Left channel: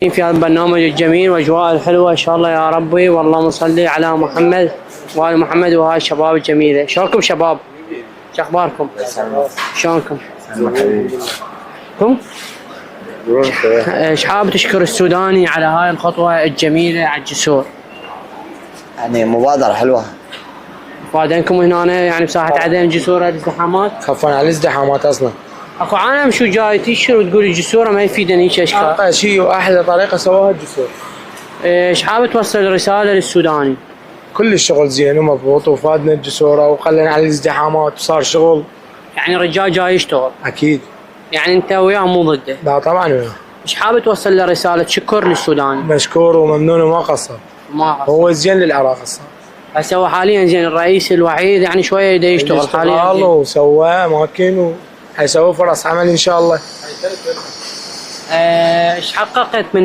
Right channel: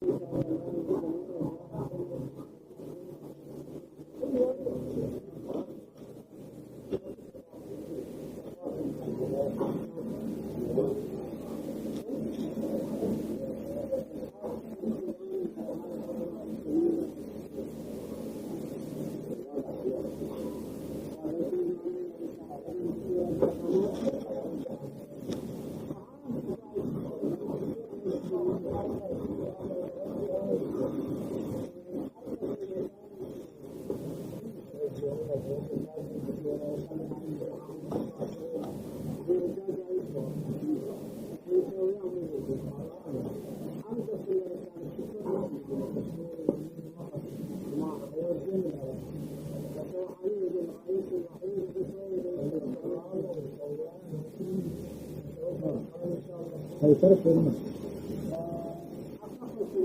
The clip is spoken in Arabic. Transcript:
في هذا البرنامج الجميل واجواء الحلوه ان شاء الله يا ربي، واللهم صل على محمد وال محمد وهاي الشباب الجميله. شلونكم شباب؟ شو اخباركم؟ شلونكم؟ كم؟ ايش حاب تشكر السوداني على هاي الخطوه الجميله على الجسور؟ يعني مبادرة حلوة. بعدينكم هنا يعني بساحه عدن جسور الازدحامات؟ خفنا على الازدحامات اصلا. اكو عالم شو جاي تشكر وتقول الجسوره ما يفيدني هيك اشكال. اقل شيء واحلى طريقة سووها الجسور. ايش حاب توصل رساله للسوداني؟ كل الشغل زين ومضبوط وفادنا الجسورة وقلنا على الازدحامات وصار شغل. يعني الرجال جاي يشتغل. اكيد. يعني انت وياه مو ضده؟ لا طبعا وياه. ايش حاب توصل له رساله شكر للسوداني؟ مشكور وممنون وما قصر. ما قصر. هو زين للعراق اصلا. هسه هو حاليا زين الرئيس الوحيد يعني شويه يبدا يشتغل حاليا. وسوى اماكن وحيسوي فرص عمل ان شاء الله. ايش حققت من